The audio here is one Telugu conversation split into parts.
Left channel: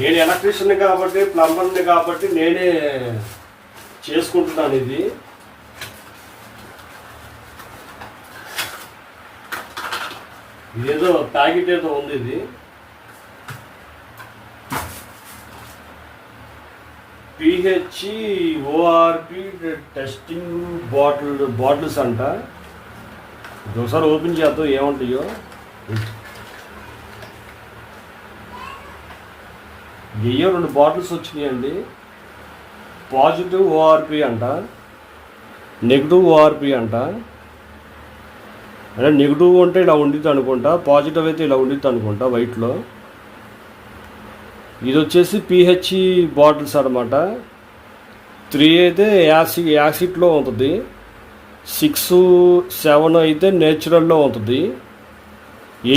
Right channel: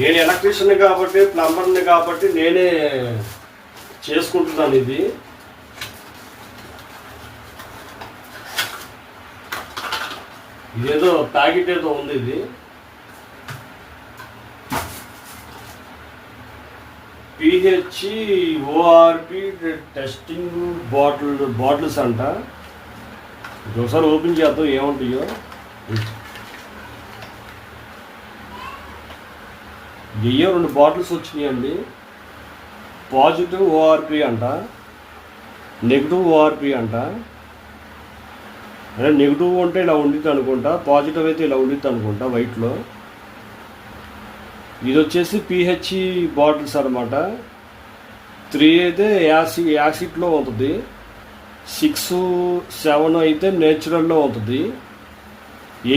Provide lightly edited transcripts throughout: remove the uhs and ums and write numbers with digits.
నేను ఎలక్ట్రీషియన్ కాబట్టి, ప్లంబర్ని కాబట్టి నేనే చేసుకుంటున్నాను. ఇది ఇదేదో ప్యాకెట్ ఏదో ఉంది. ఇది PHORP టెస్టింగ్ బాటిల్స్ అంట. ఒకసారి ఓపెన్ చేద్దాం ఏముంటాయో. వెయ్యో 2 బాటిల్స్ వచ్చినాయండి. పాజిటివ్ ORP అంట, నెగిటివ్ ORP అంట. అంటే నెగిటివ్ అంటే ఇలా ఉండిద్ది అనుకుంటా, పాజిటివ్ అయితే ఇలా ఉండిద్ది అనుకుంటా వైట్లో. ఇది వచ్చేసి PH బాటిల్స్ అనమాట. 3 అయితే యాసిడ్లో ఉంటుంది, 6, 7 అయితే నేచురల్లో ఉంటుంది,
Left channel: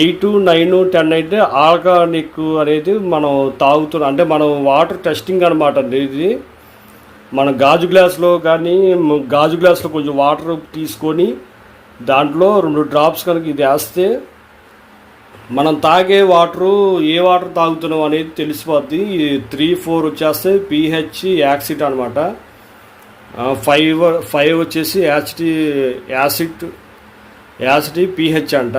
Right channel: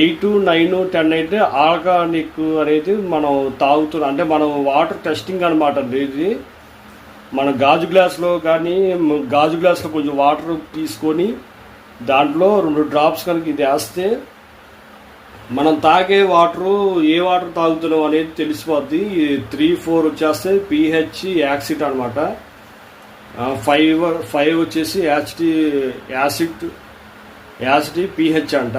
8, 9, 10 అయితే ఆర్గానిక్ అనేది మనం తాగుతున్నాం. అంటే మనం వాటర్ టెస్టింగ్ అనమాట అండి. ఇది మన గాజు గ్లాస్లో కొంచెం వాటర్ తీసుకొని దాంట్లో 2 డ్రాప్స్ కనుక ఇది వేస్తే మనం తాగే వాటరు ఏ వాటర్ తాగుతున్నాం అనేది తెలిసిపోద్ది. 3, 4 వచ్చేస్తే PH యాసిడ్ అనమాట. 5 వచ్చేసి యాసిడ్ PH అంట.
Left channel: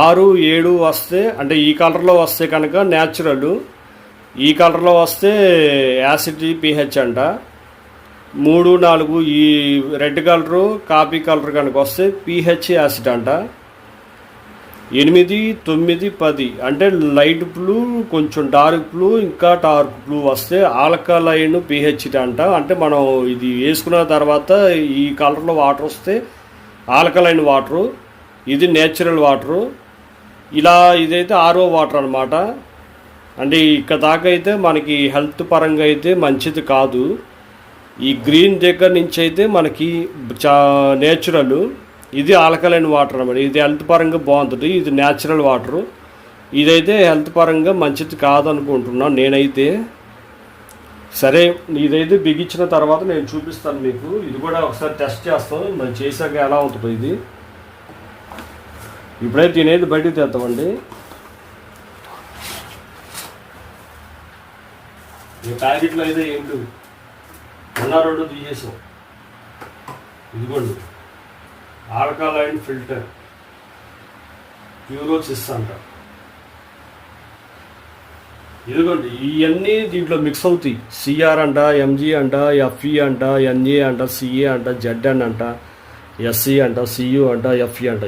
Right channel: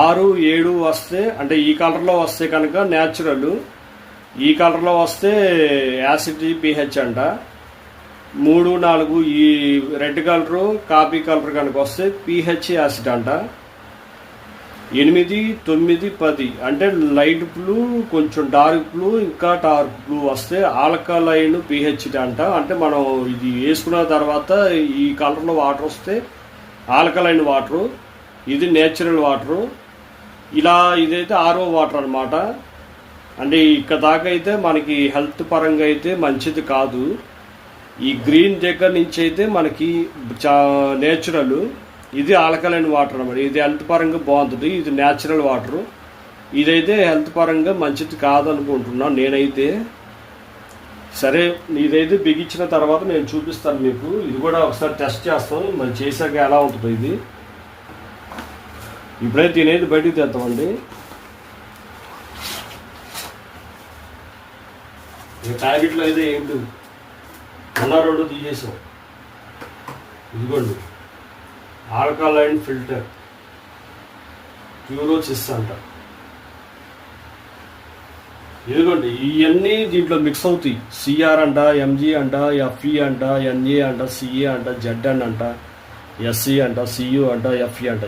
6, 7 వస్తే అంటే ఈ కలర్లో వస్తే కనుక న్యాచురల్, ఈ కలర్లో వస్తే యాసిడ్ PH అంట. 3, 4 ఈ రెడ్ కలరు కాఫీ కలర్ కనుక వస్తే PH యాసిడ్ అంట. 8, 9, 10 అంటే లైట్ బ్లూ, కొంచెం డార్క్ బ్లూ, ఇంకా డార్క్ బ్లూ వస్తే ఆల్కలైన్ PH అంట. అంటే మనం ఇది వేసుకున్న తర్వాత ఈ కలర్లో వాటర్ వస్తే ఆల్కలైన్ వాటరు, ఇది నేచురల్ వాటరు. ఇలా ఇదైతే RO వాటర్ అనమాట. అంటే ఇక్కడ దాకా అయితే మనకి హెల్త్ పరంగా అయితే మంచిది కాదు. ఈ గ్రీన్ దగ్గర నుంచి అయితే మనకి నేచురల్, ఇది ఆల్కలైన్ వాటర్ అనమాట. ఇది హెల్త్ పరంగా బాగుంటుంది, ఇది న్యాచురల్ వాటరు. ఇదైతే హెల్త్ పరంగా మంచిది కాదనుకుంటున్నాను నేనైతే. సరే, ఇదైతే బిగించిన తర్వాత నేను చూపిస్తాను మీకు. ఇది కూడా ఒకసారి టెస్ట్ చేస్తాం, మరి చేశాక ఎలా ఉంటుందో. ఇది ఇప్పుడైతే తినేది బయటకు తెద్దామండి. ఈ ప్యాకెట్లో అయితే ఏంటి 1, 2 తీసేసాం. ఇదిగోండి ఆల్కలైన్ ఫిల్టర్ ప్యూరోసిస్ అంట. ఇదిగోండి ఇవన్నీ దీంట్లో మిక్స్ అవుతాయి. CR అంట, MG అంట, FE అంట, NA అంట, CA అంట, ZN అంట, SC అంట, CU అంట, FE అంట.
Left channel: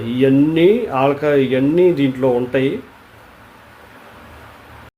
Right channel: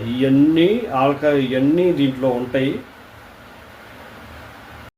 ఇవన్నీ దీంట్లో ఉంటాయి.